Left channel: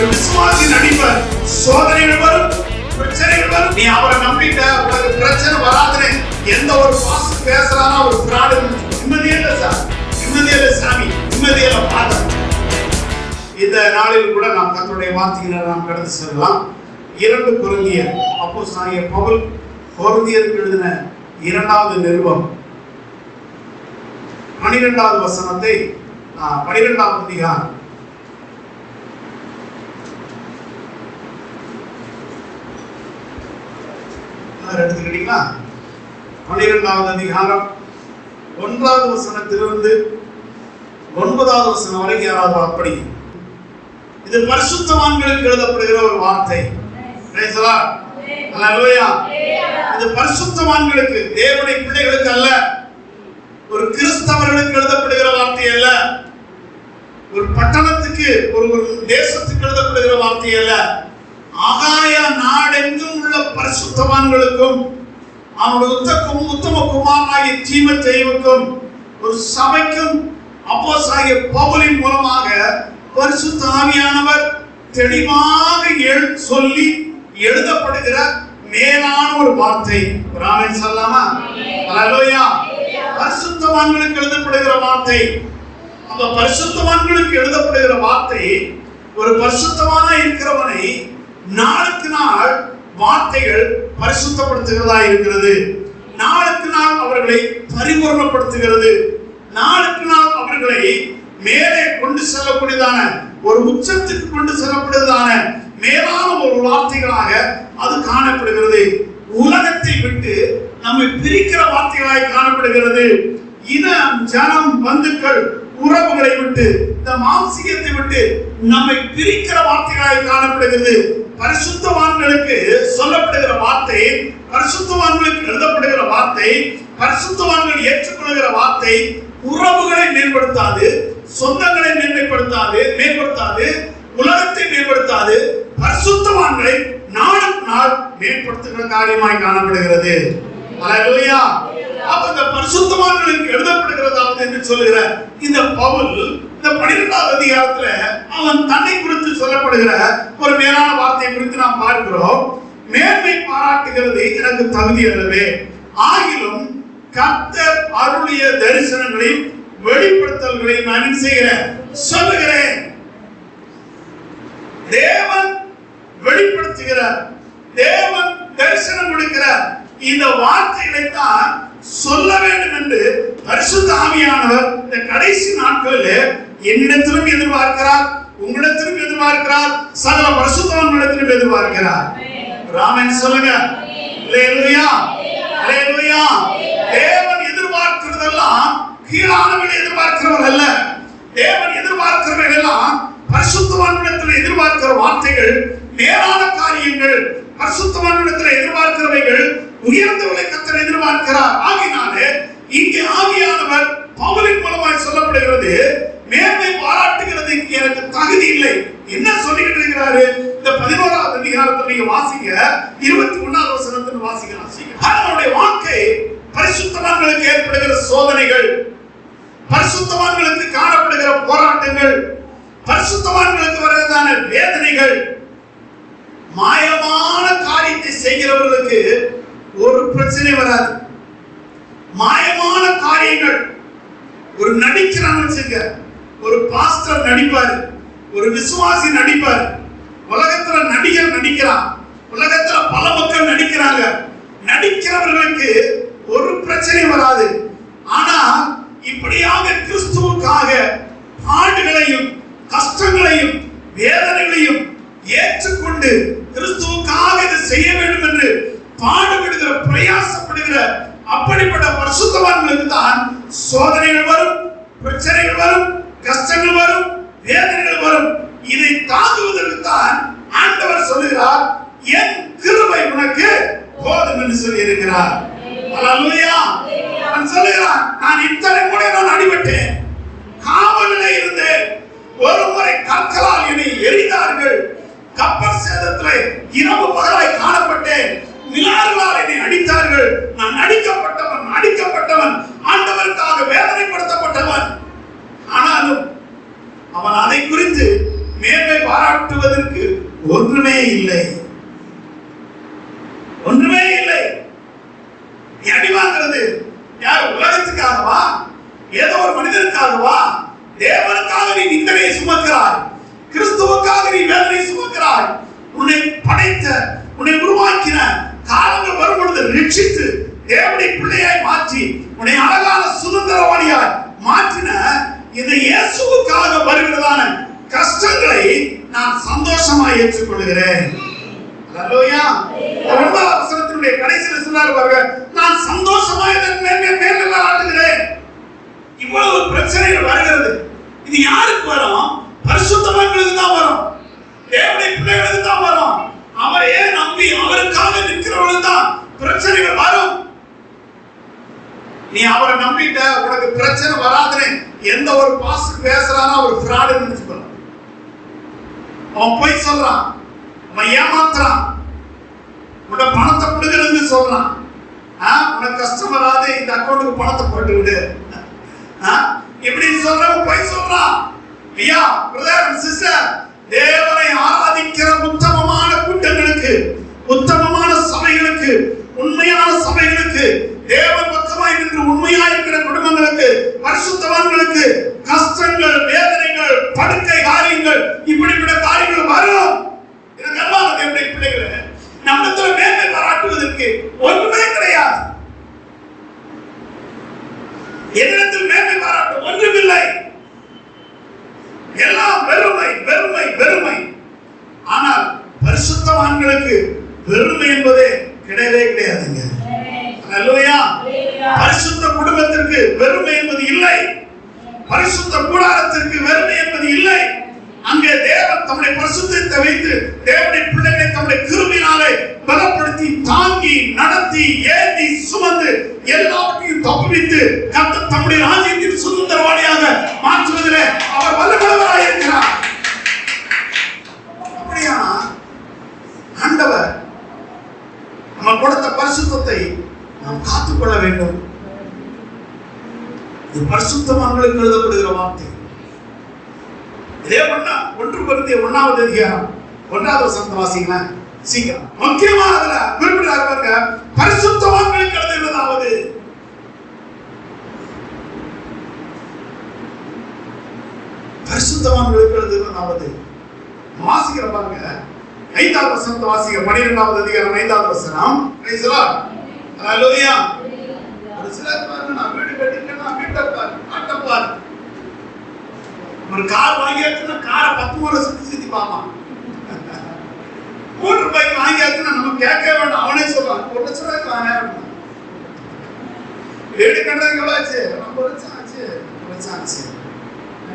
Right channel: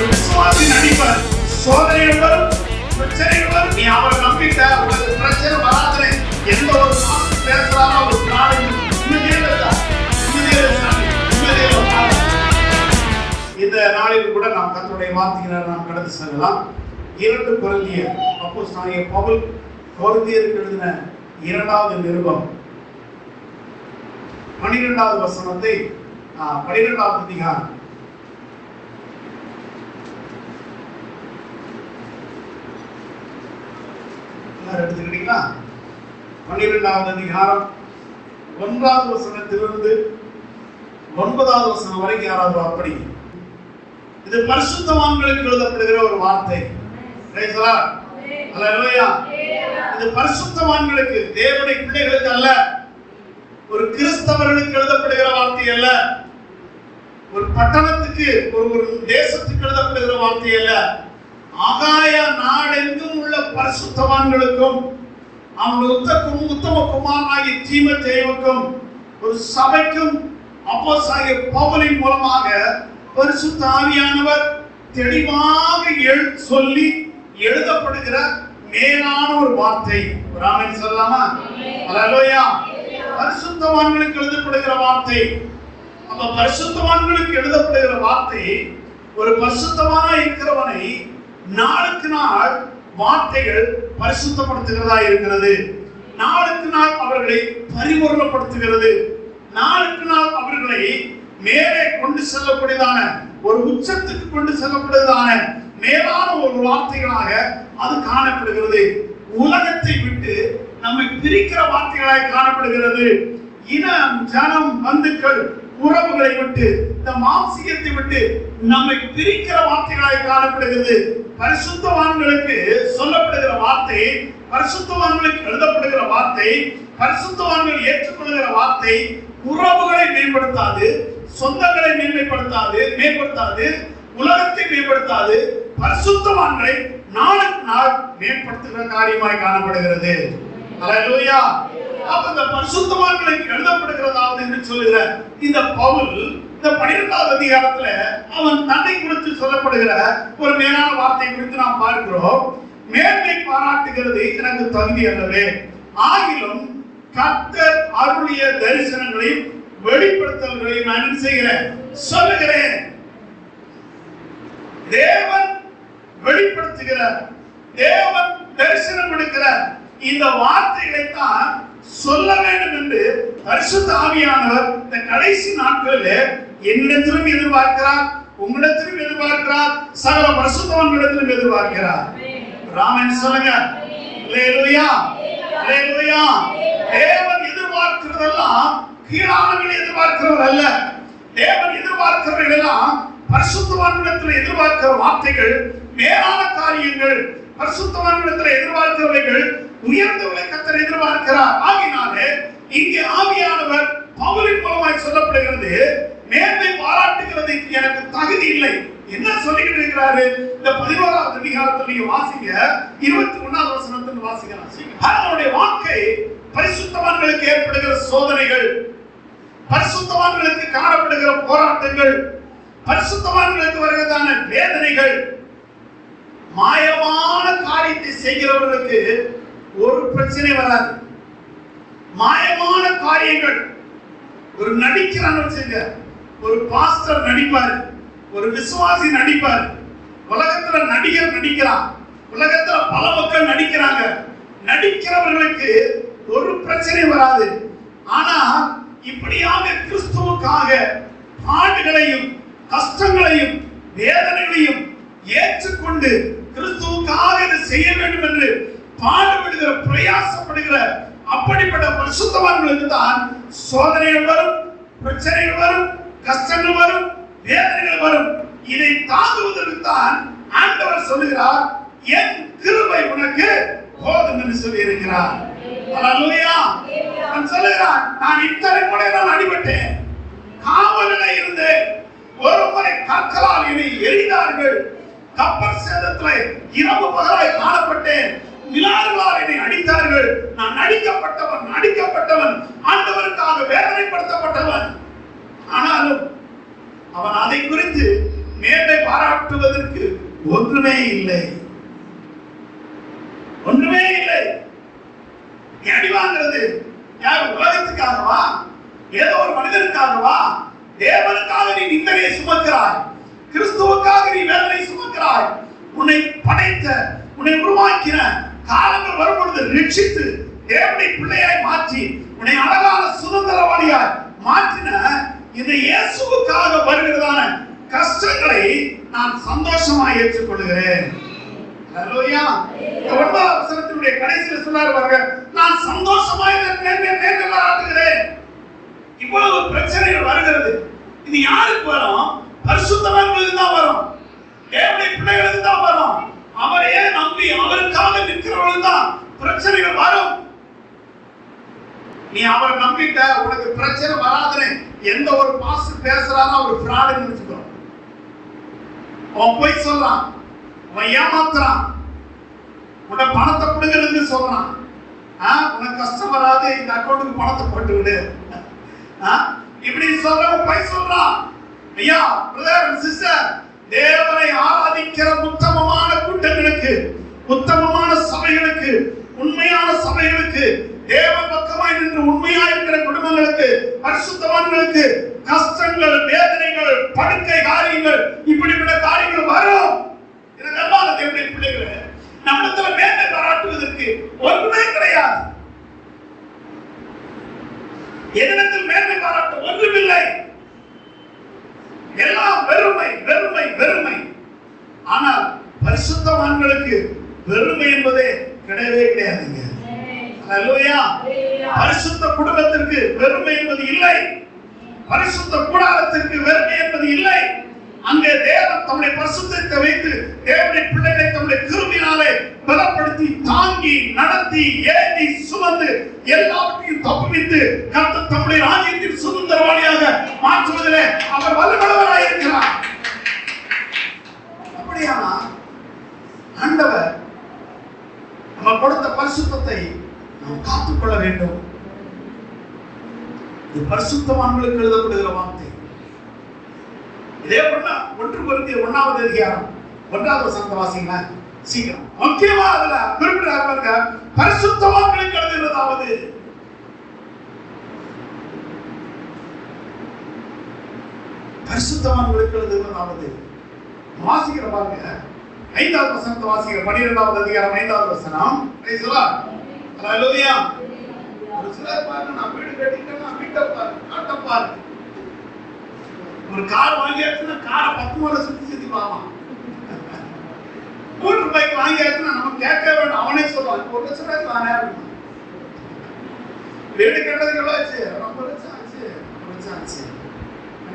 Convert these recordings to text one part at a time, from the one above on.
ஒரு விசுவாசி நடிப்பார். சோதனைகள் வரும், பிரச்சனைகள் வரும். நீ அவரை நம்பிட்ட, உனக்கு பிரச்சனை வராதுன்னு எந்த ஒரு பாசு பேசுறானா ஒரு பிராடு உண்மையே இல்லை சார், உண்மையே இல்லை சாமி, உண்மையே இல்லை பாடு. இந்த நாளில் கூட நாம் கர்த்தருடைய வார்த்தைகளை நாம் கடந்து செல்லலாம். 2 கொரிந்தியர் அப்போஸ்தலனாகிய பவுல் கொரிந்தியருக்கு எழுதின 2வது நிருபம் 12வது வசனத்தை 12வது அதிகாரம் எடுத்துக்கிட்டீங்களா? 12வது அதிகாரம் 1வது வசனத்திலிருந்து 9வது வசனம் வரைக்கும் யாராவது அப்படி. இது பரிசுத்தவான்களுக்கு எழுதப்படுகிற ஒரு வார்த்தை. Praise the lord. ஹல்லேலூயா. இது பரிசுத்தவான்களுக்கு, தேவனுடைய பிள்ளைகளுக்கு அல்ல, ஒரு கிறிஸ்தவர்களுக்கு எழுதப்படுகிற வார்த்தை அல்ல, ஒரு பட்டணத்துக்கு ஒரு தேசத்துக்கு எழுதப்படுகிற வார்த்தை அல்ல. ஆகாய நாடெங்கும் உள்ள பரிசுத்தவான்களுக்கும் அவனுடைய உத்தம குமாரனாகிய தீமோத்தேயுவுக்கும் ஒரு சபைக்கும் அப்போஸ்தலனாகிய பவுலின் மூலமாக பரிசுத்த ஆவியானவர் தெளிவாக சொல்லி எழுதப்படுகிற மேலான ஒரு வார்த்தை. ஆமென் சொல்லலாமா? ஹல்லேலூயா. பரிசுத்தவான்களுக்கு எழுதப்படுகிற வார்த்தை. அப்ப பரிசுத்தவான்களுக்கு எழுதப்படுகிற வார்த்தை ஒரு பரிசுத்தவானா இருக்கிறவனை நாளுக்கு நாள் வார்த்தைகள் பரிசுத்தப்படுத்துகிறதா இருக்கிறது. நாளுக்கு நாள் அவர்களை பரிபூரணப்படுத்துகிறது. நாளுக்கு நாள் அவர்களை மேலே கொண்டு செல்லக்கூடியதான ஒரு உச்சத்துக்கு கொண்டு செல்லப்படுவதான மேலான ஒரு வார்த்தைகளாக அது காணப்படுகிறது. உலகத்தை விட்டு நம்மை பிரிக்கிற வார்த்தைகளாய் காணப்படுகிறது. இனம், ஜனம், பந்துக்கள், உறவுகளை விட்டு, இந்த மாம்சீகத்தை விட்டு நம்மை பிரிக்கிற வார்த்தைகளாய் காணப்படுகிறது. பரிசுத்தவான்களுக்கு சொல்லப்படுகிற வார்த்தை, பரிசுத்தவான்களுக்கு எழுதப்படுகிற வார்த்தை, பரிசுத்தவான்கள் ஏற்றுக்கொள்கிற வார்த்தை உறவுகளை மேம்படுத்தாது, சொந்தங்களை மேம்படுத்தாது, உலகத்தை மேம்படுத்தாது, பரிசுத்தவான்களை நாளுக்கு நாள் மேம்படுத்துகிற காரியமாய் காணப்படுகிறது. ஹல்லேலூயா. அப்ப இந்த பரிசுத்தவான்களுக்கு எழுதப்படுகிறதாவது என்று சொல்லுகிற இந்த பவுல் இந்த 12வது அதிகாரத்துல அவன் தன்னை குறித்து சொல்லப்படுகிற ஒரு மேலான வார்த்தையை குறித்து நாம் பார்க்கிறோம். மேன்மை பாராட்டுகிறது எனக்கு தகுதி அல்லவே, ஆகிலும் கர்த்தர் அருளிய தரிசனங்களையும் வெளிப்படுத்தல்களையும் நான் செய்கிறேன் சொல்லுகிறேன். தேவன் வெளிப்படுத்துகிறார், தேவன் தரிசனம் கொடுக்கிறார். இந்த வார்த்தைகளை தான் சொல்ல வேண்டும் என்று பரிசுத்த ஆவியானவர் இந்த கடைசி நாட்களில் என்னிடத்திலும் எதிர்பார்க்கிறார், உங்களிடத்திலும் எதிர்பார்க்கிறார், சகல பரிசுத்தவான்களிடத்திலும் எதிர்பார்க்கிறார். ஆமென் சொல்லுங்க. அல்லேலூயா, அல்லேலூயா. தேவன் எதிர்பார்க்கிறதெல்லாம் கீழானவர்களை எதிர்பார்க்கிறவர் அல்ல. தேவன் எதிர்பார்க்கிறவர்கள் எல்லாம் பரிசுத்தவான்களிடத்தில் எதிர்பார்க்கிற வார்த்தைகள் மேலான காரியங்கள். பரிசுத்தவான்களிடத்தில் எதிர்பார்க்கிறவைகள் உயர்ந்தவர்களை கர்த்தர் எதிர்பார்க்கிறார். ஆகினாலே இங்கே ஆவியானவர் பவுலின் மூலமாய் சொல்லப்படுகிறது, மேன்மை பாராட்டுகிறது எனக்கு தகுதி இல்லை. என்ன சொல்லிக்கிட்டு இருக்கிறாரு? இந்த 11வது அதிகாரத்தில் நீங்க வாசிங்க, 21வது வசனத்தில் வாசிக்கலாம். அவனுடைய வாழ்க்கை பரிசுத்தவான்களுக்கு ஏற்படுகிற சோதனைகள், பரிசுத்தவான்களுக்கு காணப்படுகிற போராட்டங்கள், பரிசுத்தவான்களுக்கு வருவதான வேதனைகள், மாயமான காரியத்தை செய்கிறவர்களுக்கு ஒரு பிரச்சனை வராது. மாயமான காரியங்கள் ஒரு நடிக்கிறான்னு வச்சுங்க, ஒரு பாஸ்டர் நடிப்பாரு, ஒரு விசுவாசி நடிப்பாரு, உலகத்துல நடிகர் நடிக்கிறான், உலகத்துல பல மக்கள் நடிக்கிறாங்க. நடிக்கிறவர்களுக்கு ஒரு பிரச்சனை வராது. ஆனா இப்படியாக கிறிஸ்துவுக்காக பாடுகளையும் கஷ்டங்களையும் வேதனைகளையும் ஏற்றுக்கொண்டு கிறிஸ்துவுக்காக இதை செய்ய வேண்டும் என்று பாடுபடுகிற பிரயாசப்படுகிற அப்படிப்பட்ட பரிசுத்தவான்களுக்கு தான் சோதனைகள் வரும், பிரச்சனைகள் வரும், கஷ்டங்கள் வரும், வேதனைகள் வரும். இதை தாங்குவதற்கு தான் ஆண்டவர் சொல்லுகிறார், என் கிருபை உனக்கு போதும் என்று சொல்லி இருக்கிறார். அல்லேலூயா. நான் சொல்லுகிறான், நான் இத்தனை முறை நான் அடிபட்டேன், காவலில் இருந்தேன், ஒரு முறை கற்களால் என்னை எரிந்தார்கள், கப்பல் சேதத்திலே இரவு பகலாய் காணப்பட்டேன், விலாறுகளால் என்னை அடித்தார்கள், நான் அடிக்கப்பட்டவன், ஆண்டவருக்காக வேதனைப்படுத்தப்பட்டவன். ஆனாலும் அவன் அதை குறித்து மேன்மை பாராட்டுவதற்கு ஒன்றுமே இல்லை. ஒன்றுமே இல்லை. நீ அடி வாங்குறது யார்? உலகத்துக்காகவா? ஏதோ ஒரு மனிதனுக்காகவா? தேவனுக்காக நீ நிந்தனையை சுமக்கிறாய். கிறிஸ்துவுக்காக நீ வேதனை சுமக்கிறாய். உன்னை படைத்த, உன்னை உருவாக்கின, காலங்கள் வரும் பொழுது ரட்சித்து தேவனுடைய பிள்ளையாய் மாற்றி உன்னை அழகான சுதந்திரவாளியாய் மாற்றின இந்த இயேசுவுக்காக வருகிறதான கஷ்டங்களை நான் சந்தோஷமாய் ஏற்றுக்கொள்கிறேன். அல்லேலூயா. 9வது வசனத்தினுடைய கடைசியில் சொன்னார் பாருங்க, நான் சந்தோஷமாய் மேற்கொள்கிறேன். இவ்வளவு பிரச்சனைகள் வருகிறது. இது யாருக்கு வரும்? பரிசுத்தவான்களுக்கு தான் வரும். தேவனுடைய பிள்ளைகளுக்கு தான் வரும். அவரையே நம்பி அவருக்காக நிற்கிறவர்களுக்கு தான் பிரச்சனைகள் வரும். நீ அவரை நம்பிட்ட, உனக்கு பிரச்சனை வராதுன்னு எந்த ஒரு பாஸ்டர் பேசுறானோ அவர் ஃப்ராட் நினைச்சுக்கோ. அவன் போய் சொல்றான், அவன் ஏமாத்துறான், உன்னை பணத்தை கொடுக்கறது சொல்றான். உனக்கு கஷ்டம் வராது, இந்த அக்கௌண்ட்டுக்கு பணத்தை போட்டு விடு இப்படி சொல்றவன் போய் சொல்றான். ஐயா, பிரதர் அண்ட் சிஸ்டர், தேவனை ஆராதிக்கிற உத்தமமான கூட்டங்களுக்கு, உத்தமமான சபைகளுக்கு, உண்மையான சபைகளுக்கு, தேவன் பக்கமாய் நின்று உண்மையா இருக்கிற குடும்பங்களுக்கு, பரிசுத்தவான்களுக்கு கஷ்டங்கள், வேதனைகள், படுக்கை காரியங்கள், இப்படிப்பட்ட காரியங்கள் வரும். எனக்கு அன்பான தேவனுடைய பிள்ளைகளே, நம்மிடத்தில் மேன்மை பாராட்டுவதற்கு ஒன்றுமே கிடையாது. என்னிடத்தில் மேன்மை பாராட்ட ஒன்றுமில்லை. எல்லாம் வெறுமை, வெறுமை, வெறுமை. ஆனால் பரிசுத்தவான்களுக்கு வெறுமை என்பதே கிடையவே கிடையாதுங்க. அல்லேலூயா. பரிசுத்த குடும்பத்திற்கு வெறுமை என்பது இல்லை. பரிசுத்த கூடாரத்திற்கு வெறுமை என்பது இல்லை. அங்கே தேவன் தம்முடைய பரிசுத்தத்தை வைத்து தேவனுடைய பிள்ளைகளை தம்முடைய கிருபையினாலே பலப்படுத்தி தாங்கி நடத்தி ஏந்தி சுமந்து எல்லாவற்றையும் தப்புவித்து கர்த்தர் தம்முடைய ராஜ்யத்தின் சுதந்திரவாளியாக மாற்றுவதிலே அவர் வல்லவராய் இருக்கிறார். அப்படியா ஆண்டவர் நம்ம கொடுத்த பரிசுத்தத்தை நாம் காத்துக்கொள்ள வேண்டும். இது பரிசுத்தவான்களுக்கு எழுதப்படுகிற வார்த்தை. இதே ஒண்ணா 1 கொரிந்தியர் 1வது அதிகாரம் 1வது வசனத்தை வாசிங்க சீக்கிரம். முக்கியமானதுல குறிப்பிடுறாரு பாருங்க, பரிசுத்தவான்களுக்கு எழுதுகிறதாவது. பரிசுத்தவான்களுக்கு எழுதுகிறதாவது வாசிக்கிற பாருங்க. 5வது வசனத்தை வாசிங்க. 12வது அதிகாரம் 5வது வசனம். Praise the lord. ஹalleluya. ஒரு சிலர் பாருங்க, நான் வீடு கட்டிட்டேன்னா வீட்டை பாரு, ஆட்ட பாரு. ஒரு கார் வாங்கியாச்சுன்னா காரை 10 முறை சுத்தி பார்க்கலாம். மோட்டர் பைக் வாங்கியாச்சுன்னா நம்ம கேட்க வேண்டாம், அவனே சொல்லுவான் 1 லட்சம் ரூபாய்க்கு வாங்கினாரு. வீடு கட்டுறதுக்கு எவ்வளவு ஆச்சு? 1 லட்சம் ஆச்சு, 1 லட்சம் ஆச்சு.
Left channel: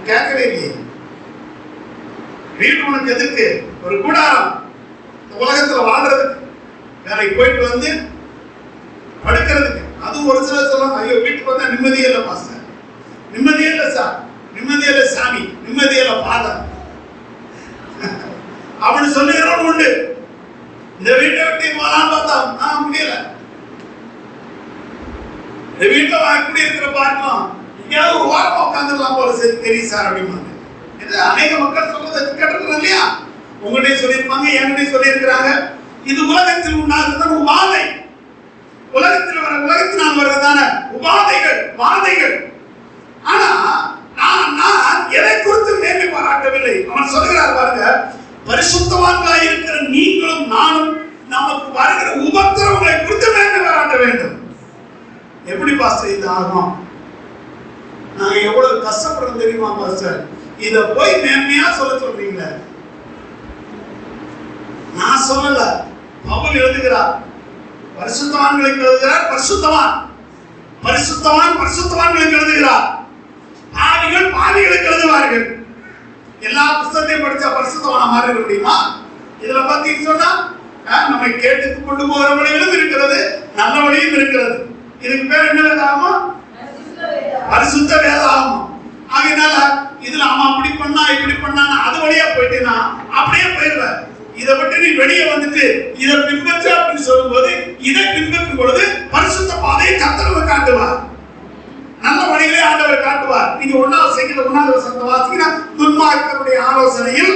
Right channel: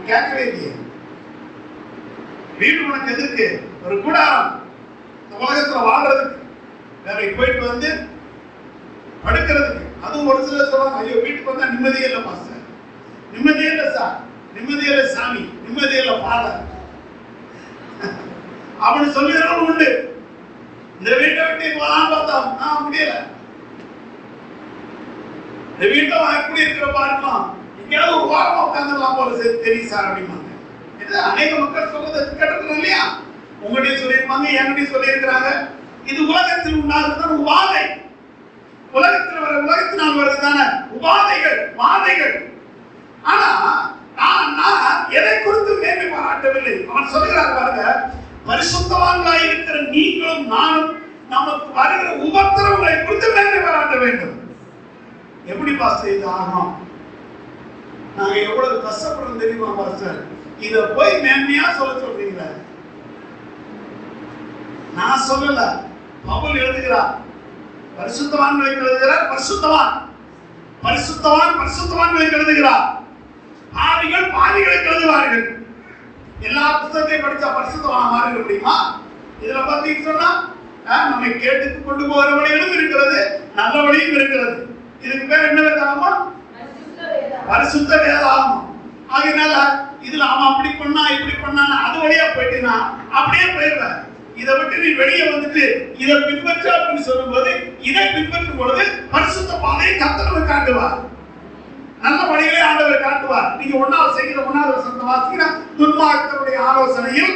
கேட்கவே இல்லையே. வீடு உனக்கு எதுக்கு? ஒரு கூடாரம், உலகத்துல வாழ்றதுக்கு, வேலைக்கு போயிட்டு வந்து படுக்கிறதுக்கு. அதுவும் ஒரு சிலர் சொல்லுவாங்க, ஐயோ வீட்டுக்கு வந்தா நிம்மதியே இல்லை மாஸ்டர், நிம்மதியே இல்லை சார், நிம்மதியே இல்லை சாமி, நிம்மதியே இல்லை ஃபாதர் அப்படி சொல்லுகிறவங்க உண்டு. இந்த வீட்டை விட்டு போலான்னு பார்த்தா முடியல. இந்த வீட்டை எப்படி இருக்கிற பார்க்கலாம், எங்கேயாவது ஒரு வாரமா உட்காந்துடலாம் போல தெரியும் சார் அப்படிம்பாங்க. இது அநேக மக்கள் சொல்றது கேட்டிருக்கிறோம் இல்லையா? உங்கள்கிட்ட சொல்லியிருப்பாங்க, என்கிட்ட சொல்லியிருக்கிறாங்க. இது உலகத்தில் உண்டாகிறதான உபாதை, உலகத்தினால் வருவதான உபாதைகள், வாதைகள். ஆனா நான் எதை குறித்து மேன்மை பாராட்டவில்லை. அவன் சொல்லுகிறார் பாருங்க, பரிசுத்தவான்களாய் இருக்கிற நீங்களும் நானும் நமக்கு வருகிற உபத்திரவங்களை குறித்து மேன்மை பாராட்ட வேண்டும். எப்படி பாஸ்டர் இது ஆகும்? நாங்க எவ்வளவு கஷ்டப்படுறோம் தெரியுமா பாஸ்டர்? இத போய் மேன்மையா சொல்ல சொல்றீங்களே. நான் சொல்லல, பவுல் எழுதுகிறார். பரிசுத்தவான்களுக்கு எழுதுகிறார். பரிசுத்தவான்களுக்கு எழுதுகிறார். பாவிகள் பாவிகளுக்கு எழுதுவார்கள். எல்லா புத்தகத்தையும் படிச்சா பரிசுத்தவானா மாறிட முடியுமா? இதுல பாத்தீங்கன்னு சொன்னா நம்மை கேட்டு கொண்டு போகிற வழிகளும் இருக்கிறது, நல்ல வழியும் இருக்கிறது. இதுக்கு பேர் என்ன வேதாகமம்? பரிசுத்த வேதாகமம். ஆகையினால இதுல அவன் அப்படி பண்ணா இப்படி பண்ணா அது வழியா போயிட்டேன்னா அப்படியே போயிடுவ. இதை விட்டு நீ வெளியே வந்துட்டு இதை பின்பற்ற அப்படின்னு சொல்லும் போது, இதை பின்பற்றும் பொழுது பரிசுத்த பாதையை கர்த்தர் காட்டுவார், நல்ல வழிகளை ஆண்டவர் காட்டுவார். நீங்க 1வது சங்கீதம் 1வது வசனத்தை வாசிக்கிறா, துன்மார்க்கருடைய ஆலோசனையில்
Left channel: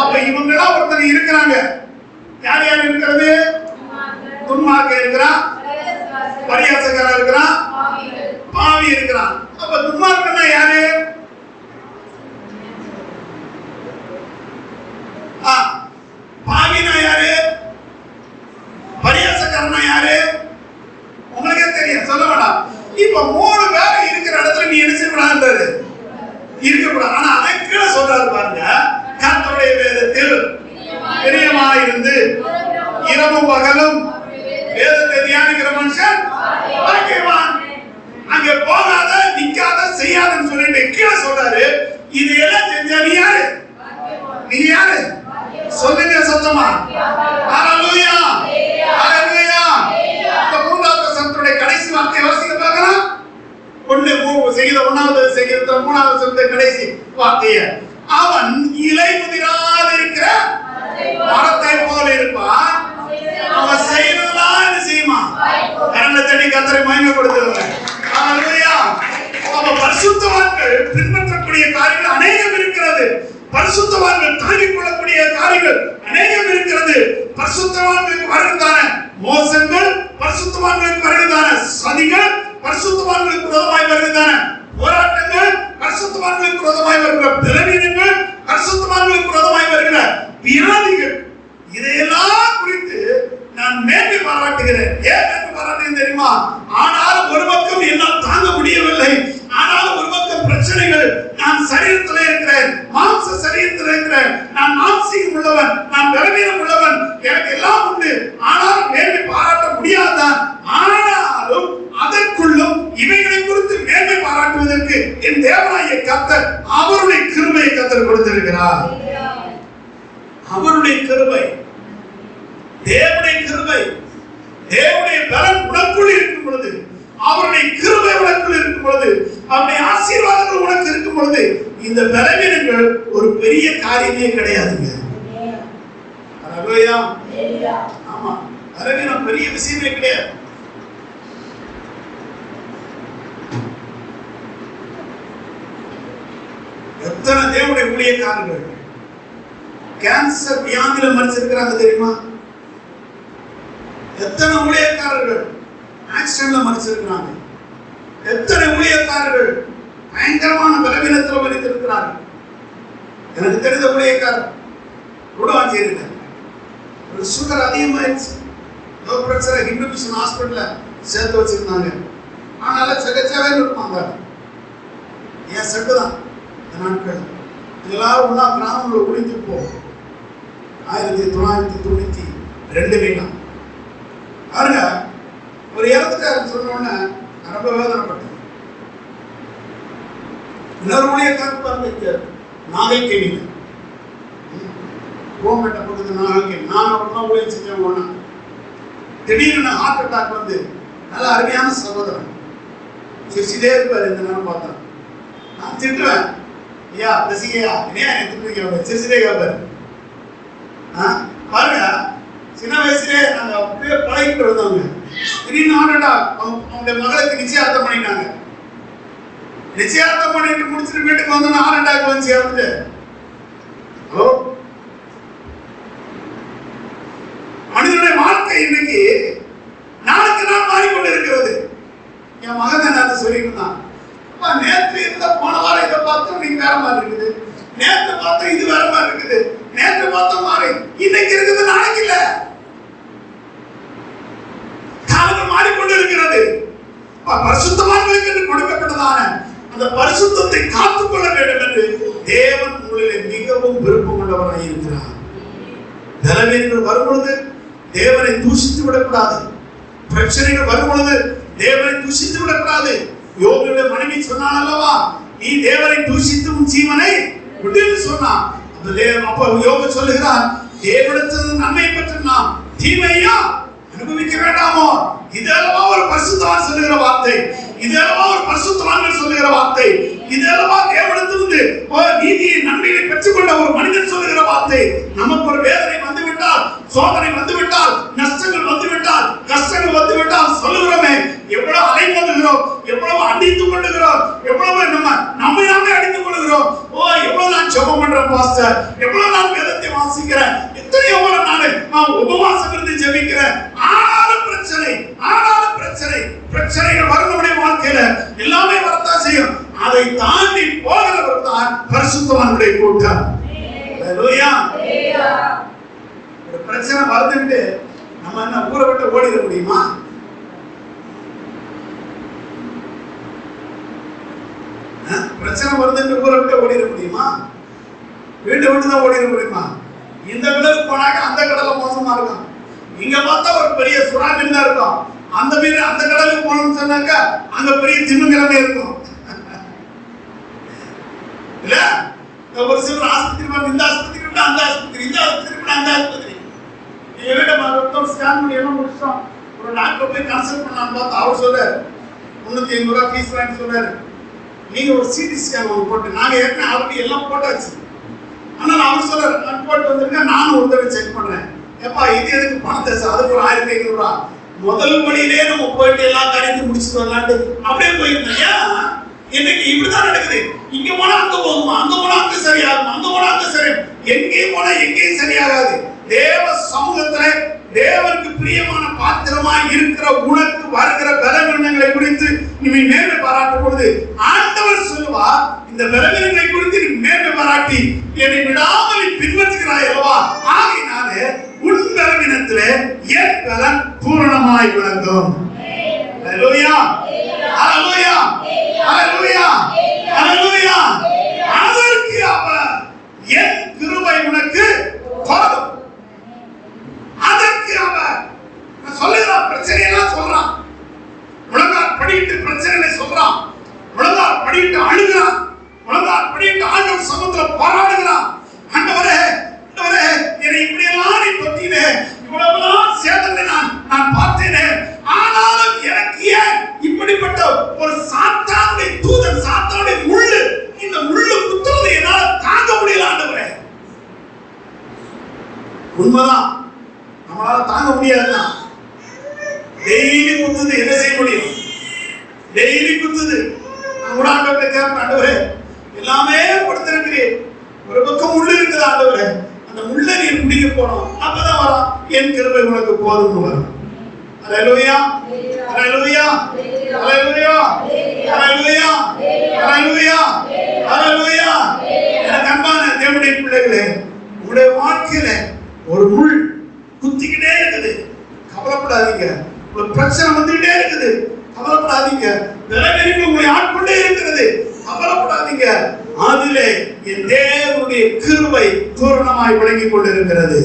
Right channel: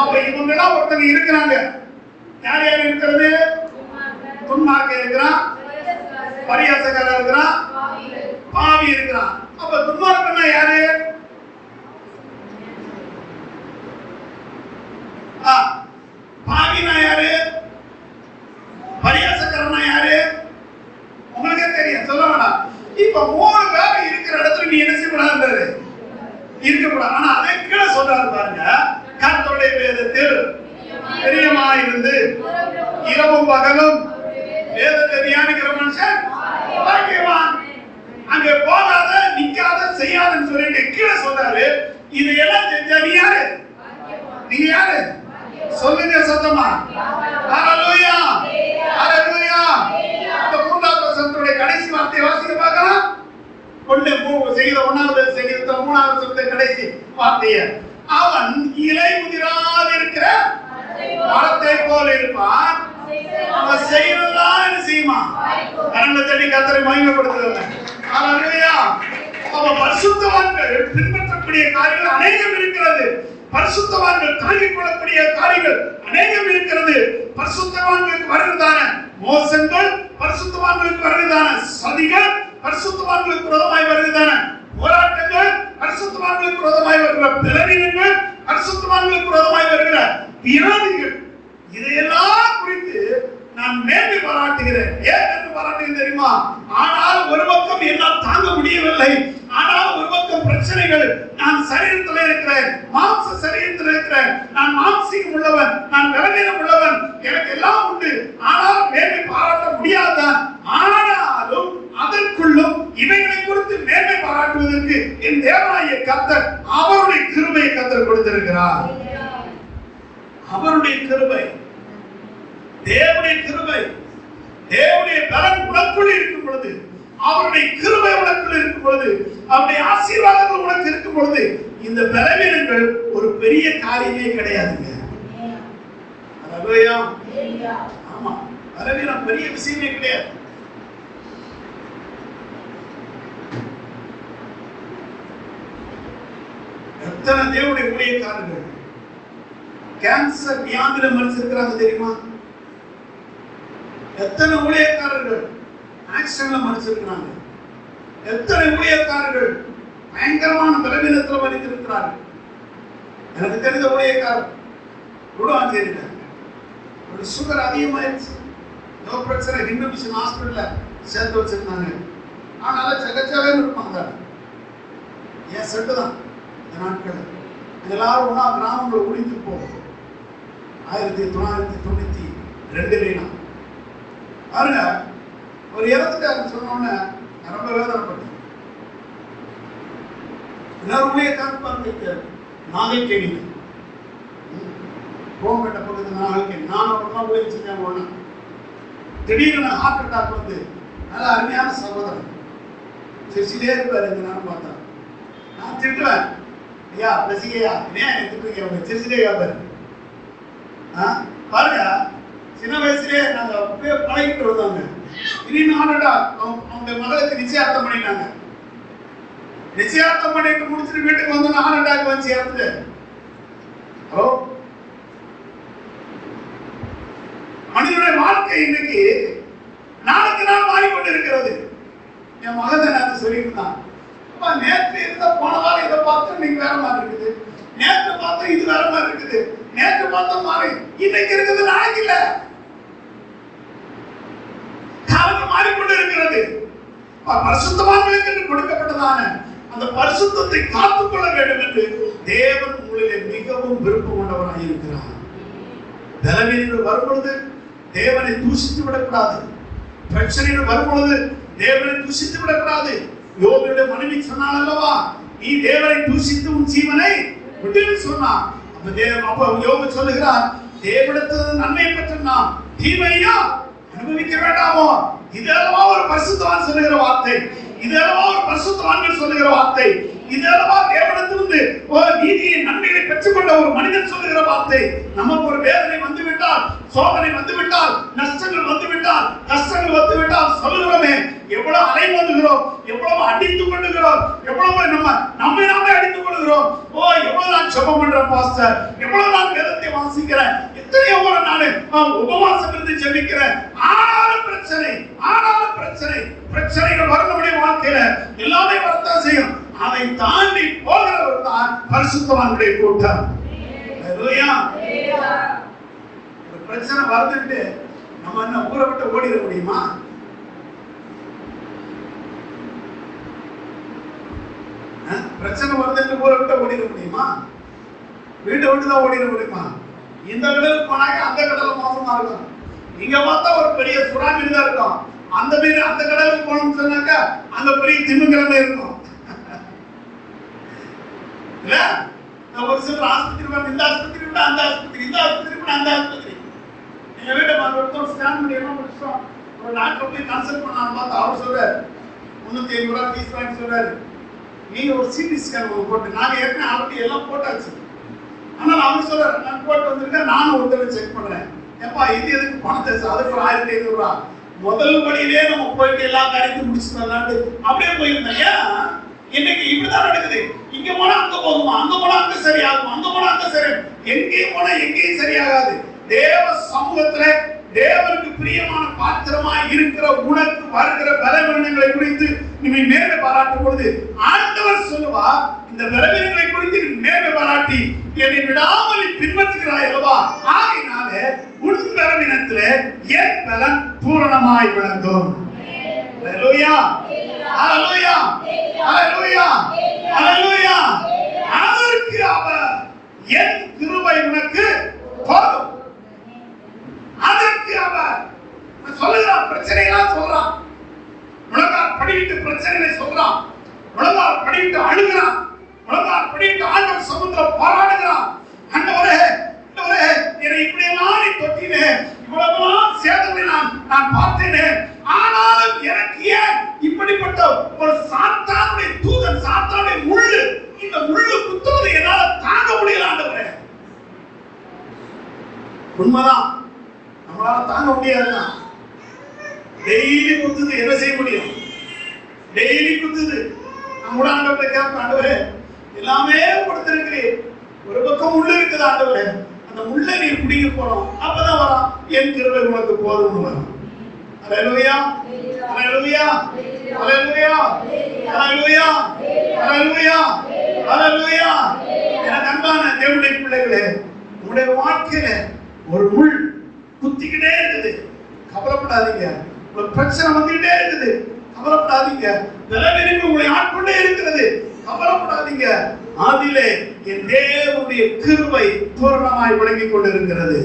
அப்ப இவங்க எல்லாம் ஒருத்தர் இருக்கிறாங்க. யார் யார் இருக்கிறது? துன்மார்க்கன் இருக்கிறான், பரியாசக்காரன் இருக்கிறான், பாவி இருக்கிறான். அப்ப துன்மார்க்கன்னா யாரு? பாவினா யாரு? பரியாசக்காரனா யாரு? உங்களுக்கே தெரியும், சொல்ல வேண்டாம். இப்ப 3 பேர் இருக்கிற இடத்துல நீ என்ன செய்யக்கூடாது? இருக்கக்கூடாது. ஆனா அதை கீழே சொல்றாரு பாருங்க, கர்த்தருடைய வேதத்தில் பிரியமாயிருந்து இரவும் பகலும் வேதத்தை தியானிக்கிற மனுஷன் பாக்கியவான். அங்க போகாத, நிக்காத, செய்யாதன்னு சொல்லிட்டு கீழே சொல்றாரு. இதையெல்லாம் செஞ்சா நீ யாரு? நீ யாரு? சொல்லுங்க சத்தமா. ஹalleluya, ஹalleluya. இந்த 3வது வசனத்துடைய கடைசி வார்த்தையை வாசிக்க பார்க்கலாம். 1வது செய்தியில 3வது வசனத்துடைய கடைசி வார்த்தையை, அவன் இலை முதிராதிருக்கிற மரத்தை போல இருப்பான், அவன் செய்யறதெல்லாம் என்ன செய்யுமா? கரங்களை தட்டி கர்த்தரை மகிமைப்படுத்துவாங்க. ஹalleluya. அப்ப பரிசுத்தவான்கள் பின்பற்றக்கூடிய காரியங்கள் அநேகம் இருக்கிறது. பரிசுத்தவான்கள் தாங்கிக் கொள்ளக்கூடிய காரியங்கள் அநேகம் இருக்கிறது. பரிசுத்தவான்களுக்கு வருகிறதான மோசங்கள், பரிசுத்தவான்களுக்கு வருகிறதான சதிகள், பரிசுத்தவான்களுக்கு விரோதமாய் வருகிறதான போராட்டங்கள், பரிசுத்தவான்களுக்கு விரோதமாய் வருகிற பலவீனங்கள், பரிசுத்தவான்களுக்கு விரோதமாய் வருகிற வியாதிகள், இதையெல்லாம் குறித்து நான் மேன்மை பாராட்டுகிறேன். ஏன் மேன்மை பாராட்டுகிறேன் தெரியுமா? ஆனால் ஒரு பக்கம் என்னால் தாங்க முடியவில்லை. ஆனால் ஒரு பக்கம் பிரச்சனைகள், நான் சரீரத்தில் இருக்கிறேன், மாம்ச சரீரத்தில் இருக்கிறேன், நான் மாம்சீகம் உள்ளவன், நான் பலவீனம் உள்ளவன், எனக்கு எல்லாம் உண்டு. ஆனால் மேன்மை பாராட்ட முடியாதான். ஆனாலும் அதற்குள்ளும் இவைகளை குறித்து மேன்மை பாராட்டுவதற்கு என் தேவனாகிய கர்த்தர் அவருடைய கிருபையை கர்த்தர் கொடுத்திருக்கிறார். அவருடைய கிருபை, தேவனுடைய கிருபை, தேவனுடைய பலன் உனக்குள் இருக்கும் பொழுது, அவருடைய கிருபை உனக்குள் இருக்கும் பொழுது, அவருடைய ஆசீர்வாதங்கள் உனக்கு இருக்கும் பொழுது, இந்த பலவீனங்கள் ஒரு பெரிய காரியமே கிடையாதுங்க. ஹalleluya. ஆமா, பலவீனம் பெரிய விஷயமே கிடையாது. எத்தனை தேவனுடைய ஊழியக்காரர்கள் கேன்சர் வியாதியில மரிச்சிருக்கிறாங்க தெரியுமா? எத்தனை ஊழியக்காரர்கள் ஆக்சிடென்ட்ல மரிச்சிருக்கிறாங்க. எத்தனை ஊழியக்காரர்கள் பயங்கரமான பலவீனத்தில் மரித்திருக்கிறார்கள். எனக்கு தெரிந்த ஊழியக்காரர் குடவாஞ்சேரியில் ஒரு சுகர் அதிகமாயிடுச்சு. லோ பிரஷர் ஹிந்து மிஷன் ஹாஸ்பிட்டல்ல சேர்த்து வச்சிருந்தாங்க. ஆனால சகச்சாவே இருப்பாங்க. என் செட்டு தான் என் நாட்கள் எல்லாரும் ஒன்னா கிராமங்களை ஒழிஞ்சு போ 1992 பாருங்க. ஒரு இறந்துட்டாருன்னு சொன்ன உடனே ரொம்ப வேதனைப்பட்டேன். இன்னொரு ஊழியக்காரர் பாருங்க, நாகைக்கேணியில கோமேட்ட பக்கத்து நாகைக்கேணி, நான் ஒன்னா ஊழியம் செஞ்சேன். ஒன்னா திடீர்னு ஹார்ட் அட்டாக் வந்து, நல்ல அருமையான சகோதரன் சிரிச்சிட்டே இருப்பாரு. இந்த நேரம் பார்த்தா நான் திட்டுவேன், ஐயா ரசிகையா என்ன திட்டுறீங்க, சிரிச்சிட்டே கேட்பாரு. பாருங்க, சின்ன வயசுலேயே நாங்கள் அப்படியே பழகிட்டு வந்தவங்க. திடீர்னு ஹார்ட் அட்டாக். அவங்க மகளுக்கு நிச்சயார்த்தம் பண்ணிட்டாங்க. நிச்சயார்த்தம் பண்ணிட்டு முடிச்சுட்டு வீட்டுக்கு வந்தோம்னா ஹார்ட் அட்டாக் வந்து சேர்ந்து. ஹலோ, மனிதனுடைய வாழ்க்கை இன்னைக்கு நாளுக்கு நாள் மாறிக்கொண்டு இருக்கிறது. என் மகன் நான் சொல்லிட்டு இருந்தான், நேற்று இருந்த போன வாரம் இதை பார்த்தோம், நீங்க வேற மாதிரி இருக்குது, நேற்று பார்த்தோம் இது வேற மாதிரி இருக்குது, நேற்று பார்த்தோம் மாறி இன்னைக்கு இருக்குது, நாளைக்கு இல்ல. காலம் மாறிக்கொண்டு இருக்கிறது. பரிசுத்தவான்களுக்கு என்று கொடுக்கப்பட்டதான அந்த பரிசுத்தத்தை காத்துக்கொள்ள வேண்டும் என்று தேவன் உங்களிலே மிகவும் விருப்பம் கொண்டவராக இருக்கிறார். பலவீனங்கள் வரும்பொழுது தேவனை தூஷித்து விடக்கூடாது. பிரச்சனைகள் வரும்பொழுது தேவனை தூஷித்து விடக்கூடாது. யோபுடைய மனைவி சொன்னாள் அல்லவா, நீ தேவனை தூஷித்து உன் ஜீவனை விடுன்னு சொன்னான். அப்ப யோபு சொல்லுகிறார், தேவனிடத்தில் நன்மை பெற்று நாம் தீமையா அனுபவிக்க வேண்டாமோ? இதெல்லாம் ஒரு பரிசுத்தவான் சொல்லுகிற வார்த்தை, இதெல்லாம் ஒரு பரிசுத்தவான்கள் சொல்லுகிற வார்த்தை, இதெல்லாம் தேவனிடத்திலிருந்து நீதியை நன்மையை பெற்றுக்கொண்ட ஒரு மனிதன் சொல்லுகிற வார்த்தை. நமக்கு ஒரு வேதனை வந்துவிட்டால் சோதனை வந்துவிட்டால், நஷ்டங்கள் வந்துவிட்டால், கஷ்டங்கள் வந்துவிட்டால் சொல்லுகிறோமே, எவ்வளவு அலைமோதுகிறோம், எவ்வளவு அடித்துக் கொள்ளுகிறோம், எவ்வளவு நம்மை நாமே அடித்துக் கொள்ளுகிறோம். ஓ, எவ்வளவு நான் ஜெபம் பண்றேன் பாஸ்டர், எவ்வளவு நான் வேதத்தை வாசிக்கிறேன், எத்தனையோ நான் உபவாசம் இருந்து ஜெபிக்கிறேன். ஆனாலும் பிரச்சனைகள் வரும் நம்முடைய வாழ்க்கையில, எல்லாமே வரத்தான் செய்யும். அதை தாண்டி போகிறவர் தான் பரிசுத்தவான்களுடைய கூட்டம். ஹல்லேலூயா. ஒரு பிரச்சனை வருதுன்னு நம்ம என்ன ஊரை விட்டு ஓடிட முடியுமா? பிரச்சனை வருதுன்னு ஊரை விட்டு ஓடிட முடியுமா? வீட்டை விட்டு தான் ஓடிட முடியுமா? இந்த கடலுக்கு போனாக்க அந்த கடலை மோசமா இருக்கும். இங்க பார்த்தா ஒரு பெரிய சுறா மீன் தான் இருக்கும். அந்த மீன் அந்த கடலுக்கு போனோம்னு சொன்னாக்க அங்க பெரிய திமிங்கலமே இருக்கும். இல்ல, ஒரு சிலர் ஆஸ்பத்திரி இந்த ஆஸ்பத்திரி விட்டு அந்த ஆஸ்பத்திரி, இந்த ஆஸ்பத்திரி விட்டு அந்த ஆஸ்பத்திரி. எங்க வீட்டை மருத்துவம் ஸ்கேன் பண்ணி எல்லாம் முடிச்சிட்டோம். ஒரு டாக்டர் போய் கன்சல்ட் பண்ணலான்னு பார்த்தா அவர் சொல்றாரு 350 ரூபாய் ஃபீஸ் வாங்கி சொல்றாரு. நீங்க ஒரு சிடி ஸ்கேன் போட்டு, நாங்க ஏற்கனவே ஆல்ரெடி எல்லாம் போட்டாச்சு. ஆனால் அவர் சொல்றாரு, நான் போட்டு வந்திருக்கேன், நானும் ஒரு தடவை செக் பண்றேன். ஏப்பா இது எதுக்கு பணத்தை சார், அதுக்கு ஒரு 1500 ரூபாய். முதல் வழியிலே நம்ம போயிட்டு எல்லா காரியத்தையும் முடிச்சுட்டு வரலான்ட்டு அப்படியே போயிருந்தேன். இன்னைக்கு இப்படிதான் நடக்குது. இங்க போனா அங்க போகுமா, அங்க போனா அங்க சரியாகுமா, அங்க போனா அங்க சரி, எங்கேயும் போனா எங்கேயும் சரியாகாது. தேவ சமூகத்துல தேவனுக்கு பிரியமான பாத்திரமா இருக்கிற உனக்கு வருகிற பலவீனங்களை குறித்து நீ மேன்மை பாராட்டும் பொழுது ஆண்டவர் சொல்லுவா, இந்த பலவீனங்களை குறித்து நீ மேன்மை பாராட்டி என்னை விடாமல் பின்பற்றுகிறாய் அல்லவா, ஆகையினாலே உன் பலவீனத்திலே என் பலன் பூரணமாய் விளங்கும். ஹல்லேலூயா, ஹல்லேலூயா, ஹல்லேலூயா, ஹல்லேலூயா. அதற்கு அவர் என் கிருபை உனக்கு போதும். அதற்கு அவர் சொல்லுகிறான், பிரச்சனையெல்லாம் சொல்றான், முழங்கால் படிட்டு பிரச்சனைகளை சொல்றான், முழங்கால் படிட்டு அழுகிறான், முழங்கால் படிட்டு ஆண்டவர் சமூகத்துல போராடுகிறான். ஆண்டவரே, ஆண்டவரே, என்னை இப்படியெல்லாம் நீ தொட்டினே, இவ்வளவுலாம் சேதங்களை நான் பார்த்தேனே, ஆனாலும் எனக்கு ஏன் இப்படிப்பட்ட ஒரு சாத்தானுடைய தூதன், சாத்தானுடைய முள்ளு, இந்த முள்ளு குத்துவதை என்னால தாங்க முடியல ஆண்டவரே. உண்மைதான், நம்மளால தாங்க முடியாதுதான். டெய்லி குத்துது, என்ன செய்ய முடியும்? டெய்லி குத்துது. நான் கூட ஆண்டவரை கேட்பேன், ஆண்டவரே எல்லாமே கொடுத்திருக்கிறேன், ஒரு பக்கம் முள்ளு இருக்குது ஆண்டவரே, அந்த முள்ளை நீர் முடிக்க போனோம், அப்பதான் வரும் என் கிருபை உனக்கு போதும் வரும். ஹல்லேலூயா, ஹல்லேலூயா, ஹல்லேலூயா, ஹல்லேலூயா, ஹல்லேலூயா, ஹல்லேலூயா. எனக்கு அன்பான தேவனுடைய பிள்ளைகளே, உங்களுடைய வாழ்க்கையில ஒரு முள் குத்திக்கிட்டே இருக்குது, கவலைப்படாதீங்க. ஒரு பிரச்சனை வந்துகிட்டே இருக்குது, கவலைப்படாதீங்க. பலவீனங்கள் உங்களை ஆட்கொண்டே இருக்கிறது, கவலைப்படாதீங்க. அதிலே என் தேவனுடைய கிருபை பூரணமாய் விளங்கிக் கொண்டிருக்கிறது.